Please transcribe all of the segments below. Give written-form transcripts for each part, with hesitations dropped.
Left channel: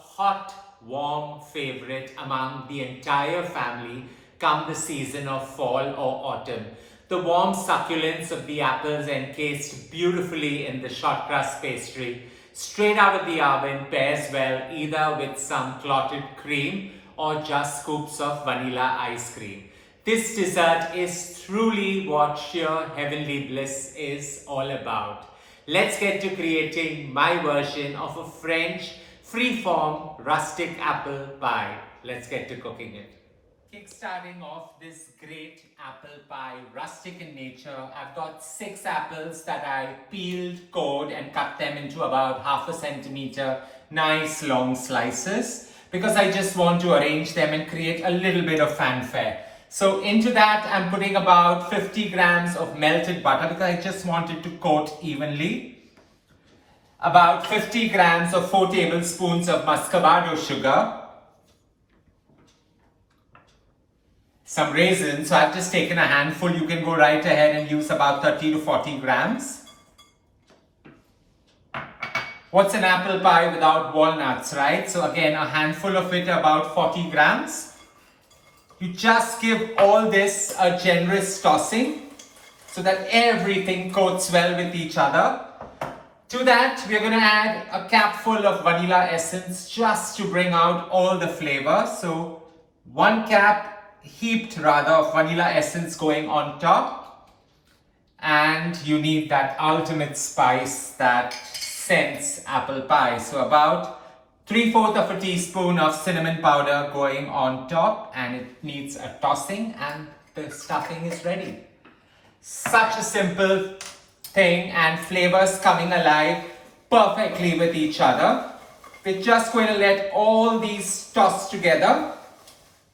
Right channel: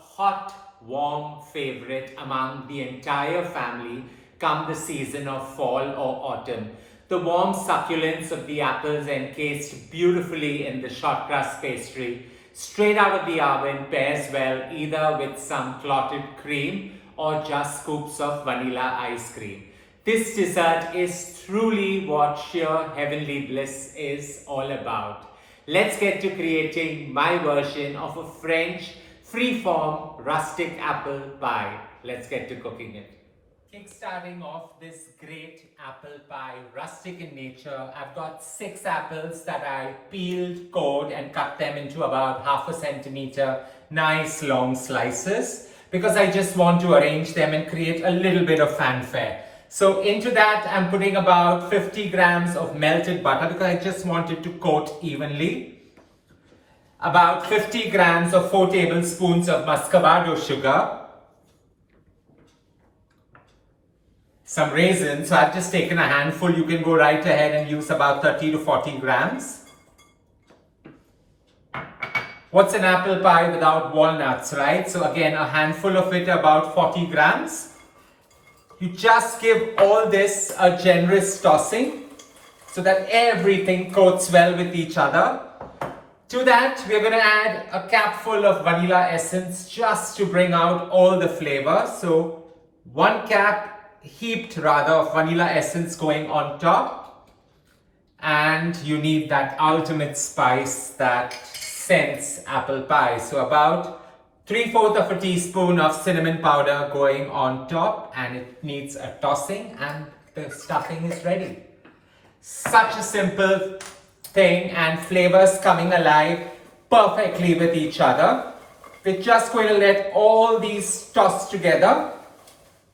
hot, warm favorite among the entire family come the season of fall or autumn. The warm succulence of the apples encased beautifully in the short crust pastry, straight out of the oven, pairs well either with some clotted cream or just scoops of vanilla ice cream. This dessert is truly what sheer heavenly bliss is all about. Let's get to creating my version of a French free-form rustic apple pie. Let's get to cooking it. Kickstarting off this great apple pie, rustic in nature, I've got 6 apples that I peeled, cored and cut them into about 1/2 centimeter nice long slices because I just want to arrange them and create a little bit of fanfare. So into that I'm putting about 50 grams of melted butter because I just want it to coat evenly. About 50 grams or 4 tablespoons of muscovado sugar. Some raisins, so I've just taken a handful. You can go right ahead and use about 30 to 40 grams. What's an apple pie without walnuts, right? So again, a handful of it, about 40 grams. You just give all this a generous tossing so that everything coats well with each other. To that, we're going to add a capful of vanilla essence just to bring out all the flavor. So 1 cap heaped rather of vanilla essence going on top, and you need that ultimate spice that scents apple pie. So about 3/4 of a teaspoon of cinnamon powder going on top, and it needs a tossing and the stuffing is ready. Such a simple thing, and flavors coming alive perfectly with each other. We're just going to let all these toss together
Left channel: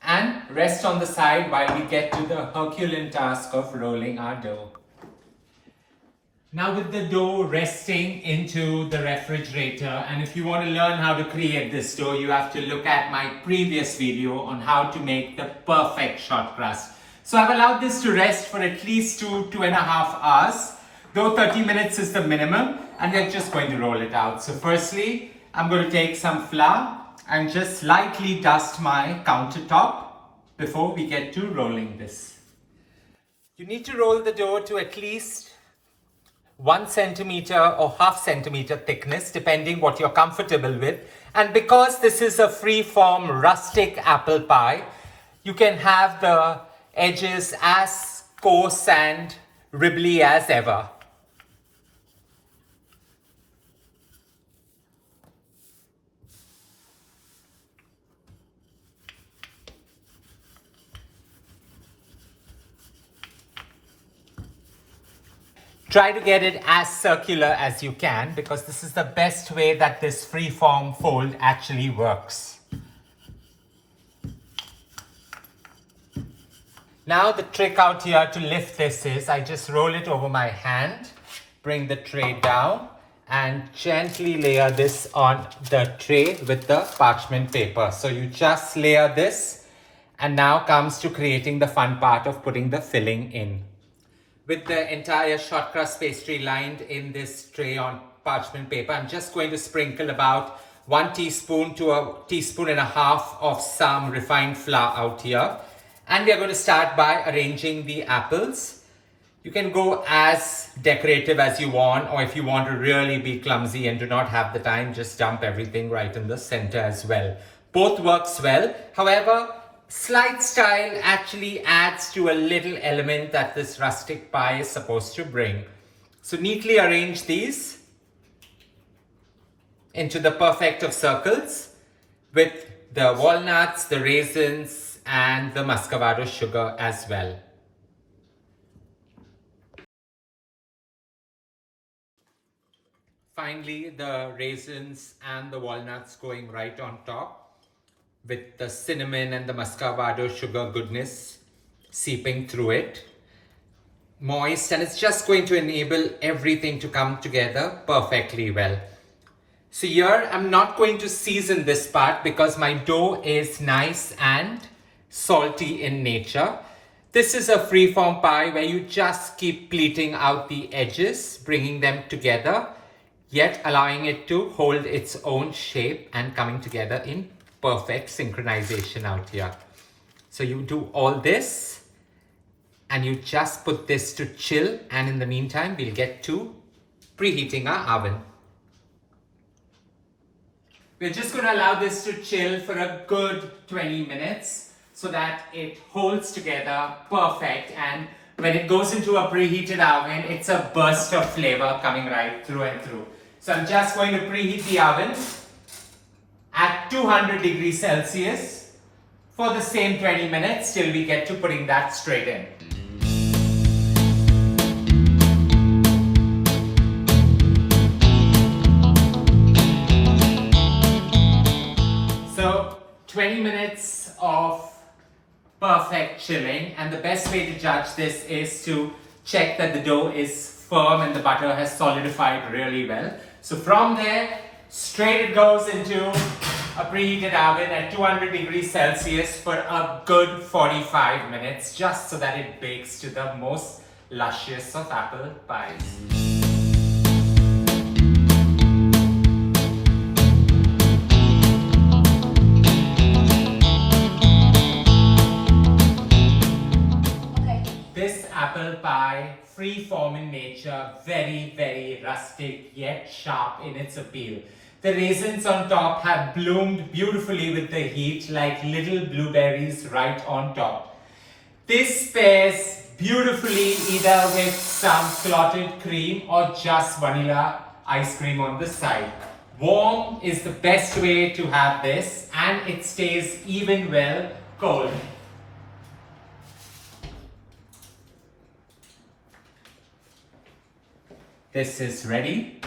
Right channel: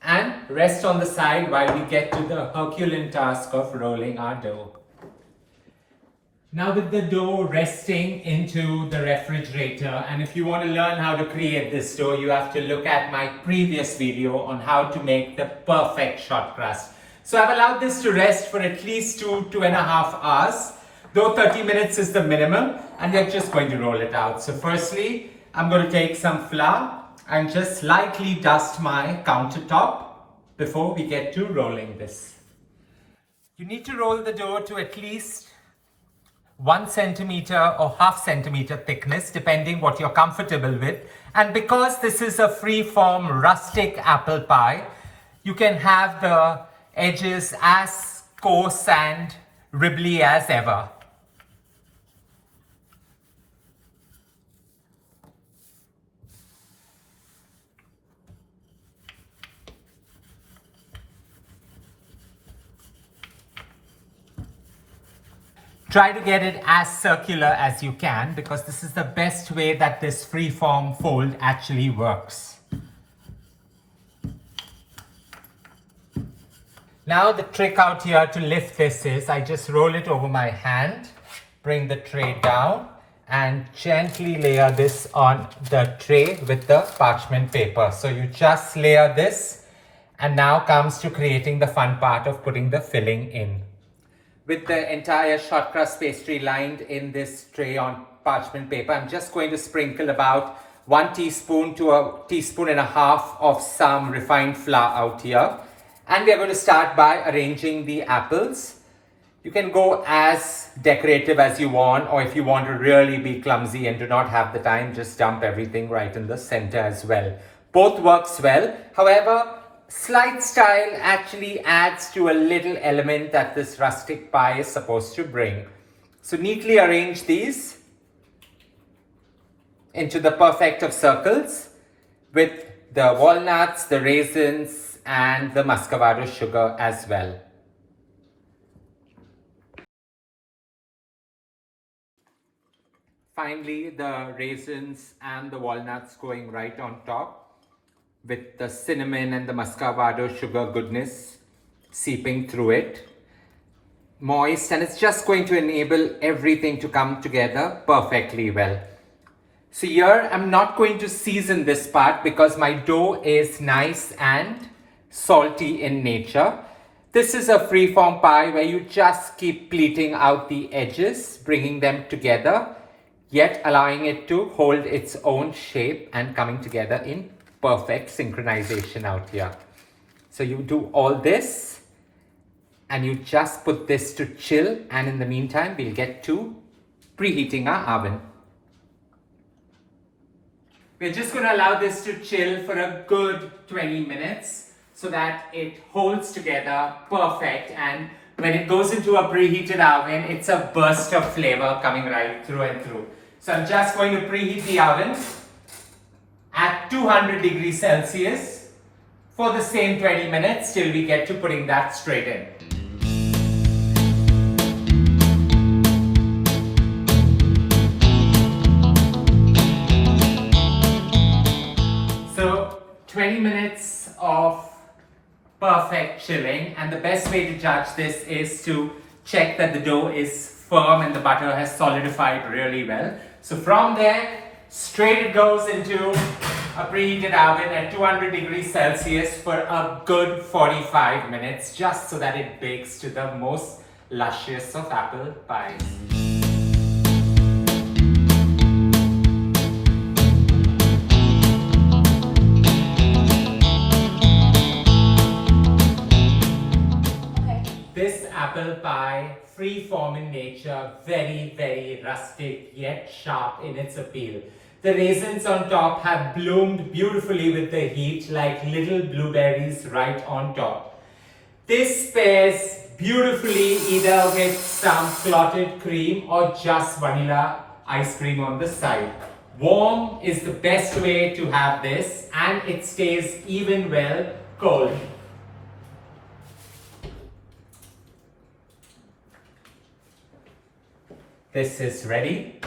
and rest on the side while we get to the Herculean task of rolling our dough. Now with the dough resting into the refrigerator, and if you want to learn how to create this dough, you have to look at my previous video on how to make the perfect short crust. So I've allowed this to rest for at least 2.5 hours, though 30 minutes is the minimum, and we're just going to roll it out. So firstly, I'm going to take some flour and just lightly dust my countertop before we get to rolling this. You need to roll the dough to at least 1 centimeter or 1/2 centimeter thickness, depending what you're comfortable with. And because this is a free-form rustic apple pie, you can have the edges as coarse and ribbly as ever. Try to get it as circular as you can because this is the best way that this free-form fold actually works. Now the trick out here to lift this is I just roll it over my hand, bring the tray down and gently layer this on the tray with the parchment paper. So you just layer this, and now comes to creating the fun part of putting the filling in. With the entire short crust pastry lined in this tray on parchment paper, I'm just going to sprinkle about 1 teaspoon to 1.5 teaspoons of some refined flour out here. And we are going to start by arranging the apples. You can go as decorative as you want, or if you want to really be clumsy and do not have the time, just dump everything right in the center as well. Both works well. However, slight style actually adds to a little element that this rustic pie is supposed to bring. So neatly arrange these into the perfect of circles with the walnuts, the raisins and the muscovado sugar as well. Finally, the raisins and the walnuts going right on top, with the cinnamon and the muscovado sugar goodness seeping through it. Moist, and it's just going to enable everything to come together perfectly well. So here I'm not going to season this part because my dough is nice and salty in nature. This is a free-form pie where you just keep pleating out the edges, bringing them together. yet allowing it to hold its own shape and coming together in perfect synchronization out here. So you do all this and you just put this to chill, and in the meantime we'll get to preheating our oven. We're just going to allow this to chill for a good 20 minutes so that it holds together perfect, and when it goes into a preheated oven, it's a burst of flavor coming right through and through. So I'm just going to preheat the oven at 200 degrees Celsius for the same 20 minutes till we get to putting that straight in. So 20 minutes of perfect chilling, and the best way to judge this is to check that the dough is firm and the butter has solidified really well. So from there, straight it goes into a preheated oven at 200 degrees Celsius for a good 45 minutes, just so that it bakes to the most luscious of apple pies. This apple pie, free form in nature, very, very rustic yet sharp in its appeal. The raisins on top have bloomed beautifully with the heat like little blueberries right on top. This pairs beautifully either with some clotted cream or just vanilla ice cream on the side. Warm is the best way to have this, and it stays even well cold. This is ready.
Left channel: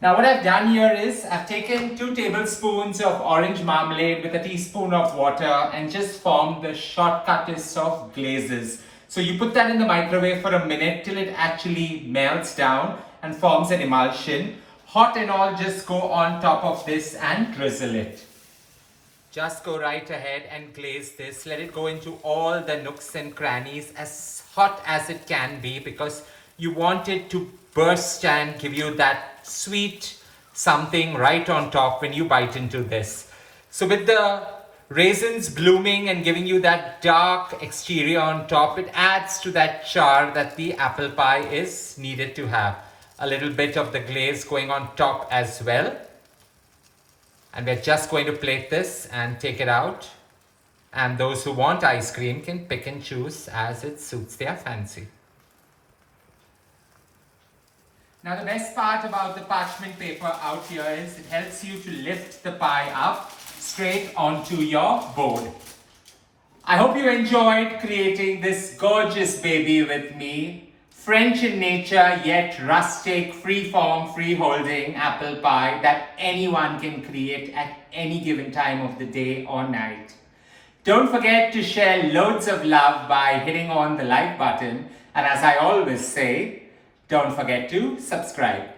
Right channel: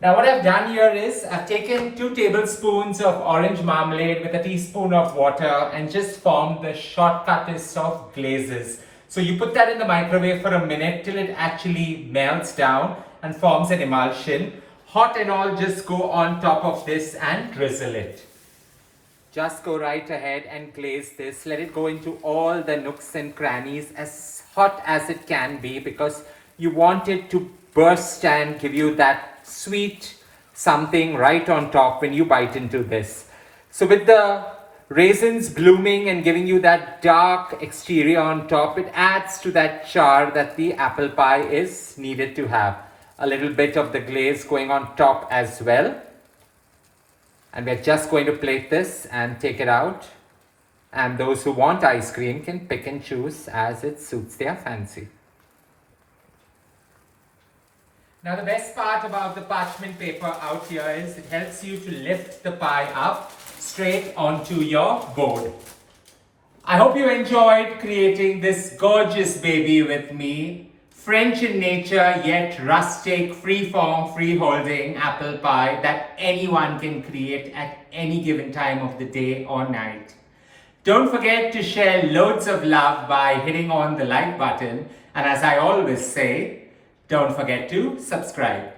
Now what I've done here is I've taken 2 tablespoons of orange marmalade with a teaspoon of water and just formed the shortcuttest of glazes. So you put that in the microwave for a minute till it actually melts down and forms an emulsion. Hot and all, just go on top of this and drizzle it. Just go right ahead and glaze this. Let it go into all the nooks and crannies as hot as it can be, because you want it to burst and give you that sweet something right on top when you bite into this. So with the raisins blooming and giving you that dark exterior on top, it adds to that char that the apple pie is needed to have. A little bit of the glaze going on top as well. And we're just going to plate this and take it out. And those who want ice cream can pick and choose as it suits their fancy. Now the best part about the parchment paper out here is it helps you to lift the pie up straight onto your board. I hope you enjoyed creating this gorgeous baby with me. French in nature yet rustic, free-form, free-holding apple pie that anyone can create at any given time of the day or night. Don't forget to share loads of love by hitting on the like button, and as I always say, don't forget to subscribe.